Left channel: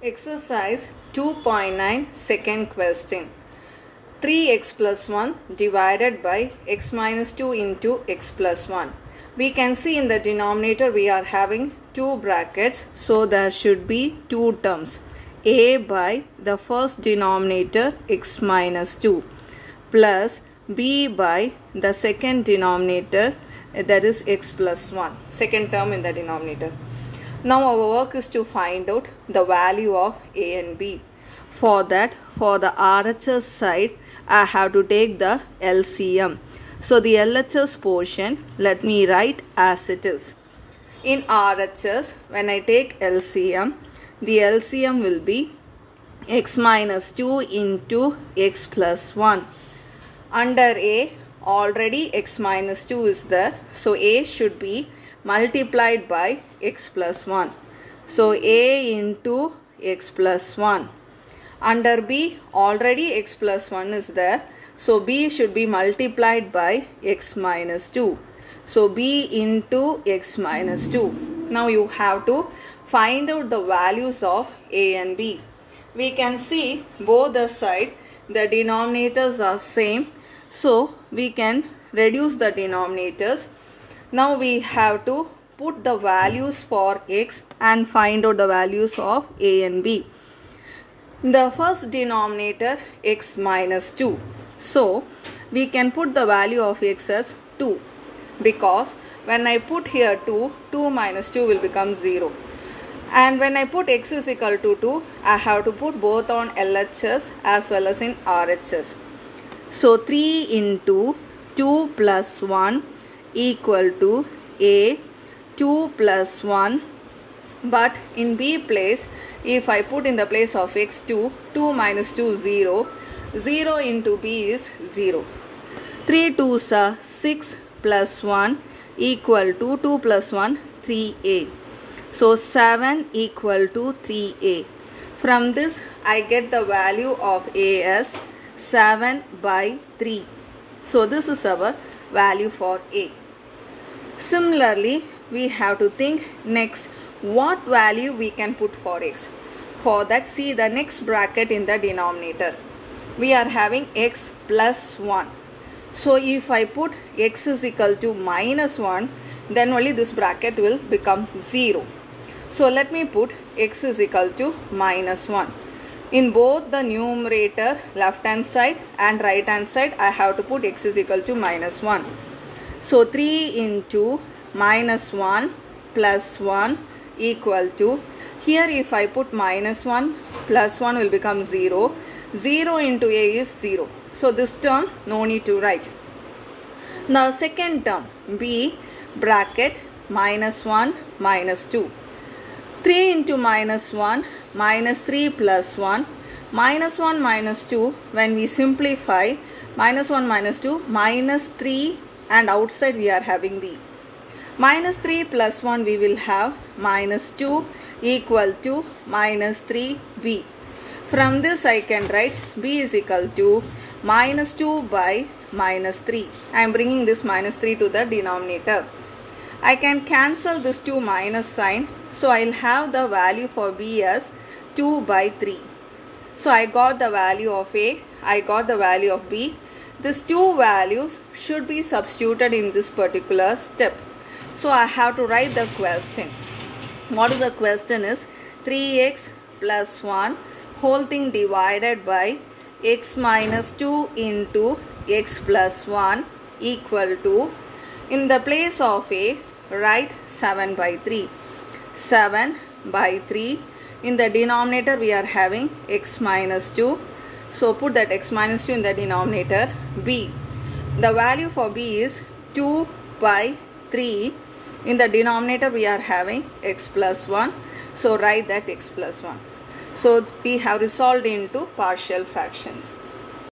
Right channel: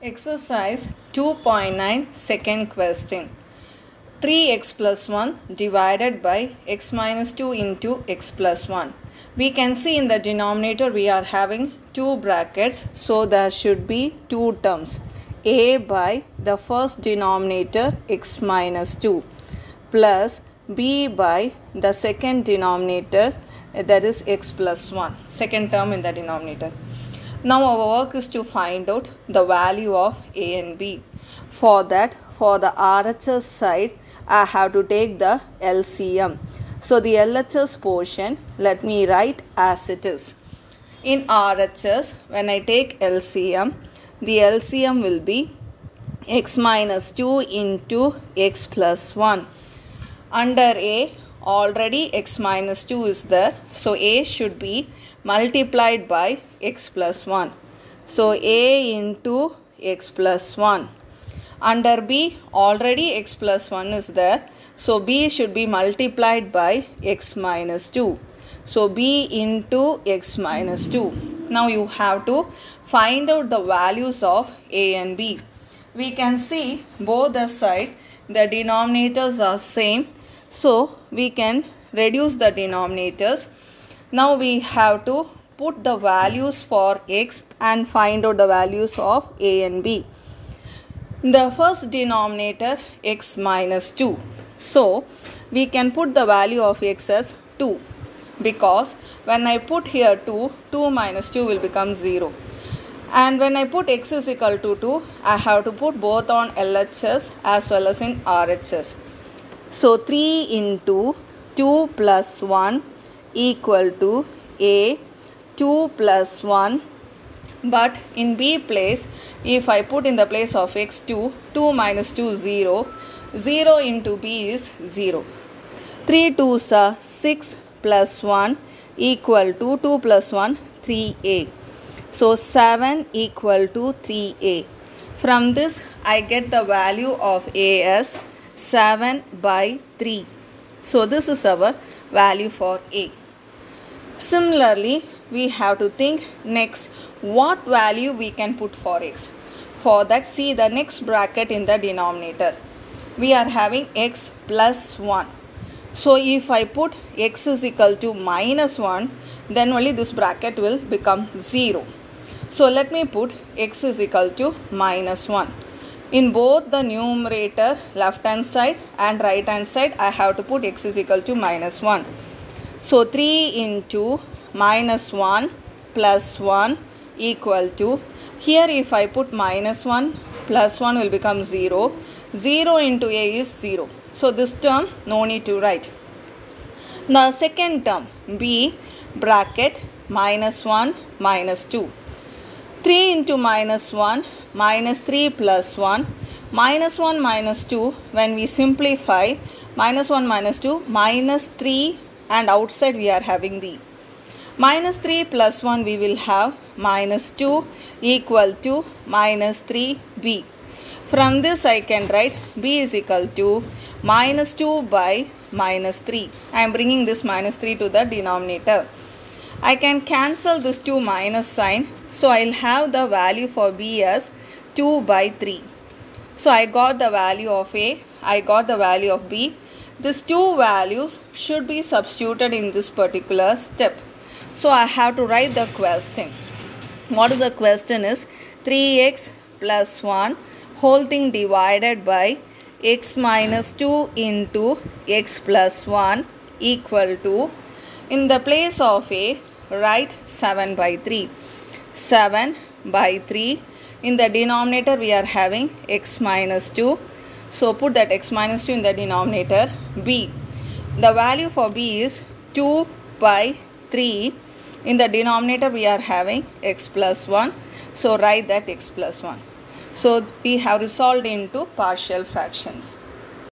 Exercise 2.9 second question. 3x plus 1 divided by x minus 2 into x plus 1. We can see in the denominator we are having two brackets, so there should be two terms. A by the first denominator x minus 2 plus b by the second denominator, that is x plus 1, second term in the denominator. Now our work is to find out the value of a and b. For that, for the RHS side, I have to take the LCM. So the LHS portion, let me write as it is. In RHS, when I take LCM, the LCM will be x minus 2 into x plus 1. Under A, already x minus 2 is there. So A should be multiplied by x plus 1. So A into x plus 1. Under B, already x plus 1 is there. So B should be multiplied by x minus 2. So B into x minus 2. Now you have to find out the values of A and B. We can see both the side, the denominators are same. So we can reduce the denominators. Now we have to put the values for x and find out the values of a and b. The first denominator x minus 2. So we can put the value of x as 2, because when I put here 2, 2 minus 2 will become 0. And when I put x is equal to 2, I have to put both on LHS as well as in RHS. So 3 into 2 plus 1 equal to A, 2 plus 1. But in B place, if I put in the place of x 2, 2 minus 2 0. 0 into B is 0. 3 2s are 6 plus 1 equal to 2 plus 1, 3A. So 7 equal to 3A. From this I get the value of A as 7 by 3. So this is our value for A. Similarly, we have to think next what value we can put for x. For that, see the next bracket in the denominator. We are having x plus 1. So if I put x is equal to minus 1, then only this bracket will become 0. So let me put x is equal to minus 1. In both the numerator left hand side and right hand side, I have to put x is equal to minus 1. So 3 into minus 1 plus 1 equal to, here if I put minus 1 plus 1 will become 0. 0 into A is 0. So this term no need to write. Now second term B bracket minus 1 minus 2. 3 into minus 1 minus 3 plus 1. Minus 1 minus 2, when we simplify, minus 1 minus 2 minus 3, and outside we are having B. Minus 3 plus 1 we will have minus 2 equal to minus 3B. From this I can write B is equal to minus 2 by minus 3. I am bringing this minus 3 to the denominator. I can cancel this 2 minus sign. So I will have the value for B as 2 by 3. So I got the value of A. I got the value of B. These two values should be substituted in this particular step. So I have to write the question. What is the question is 3x plus 1 whole thing divided by x minus 2 into x plus 1 equal to, in the place of A, write 7 by 3. 7 by 3. In the denominator we are having x minus 2. So put that x minus 2 in the denominator. B. The value for B is 2 by 3. In the denominator we are having x plus 1. So write that x plus 1. So we have resolved into partial fractions.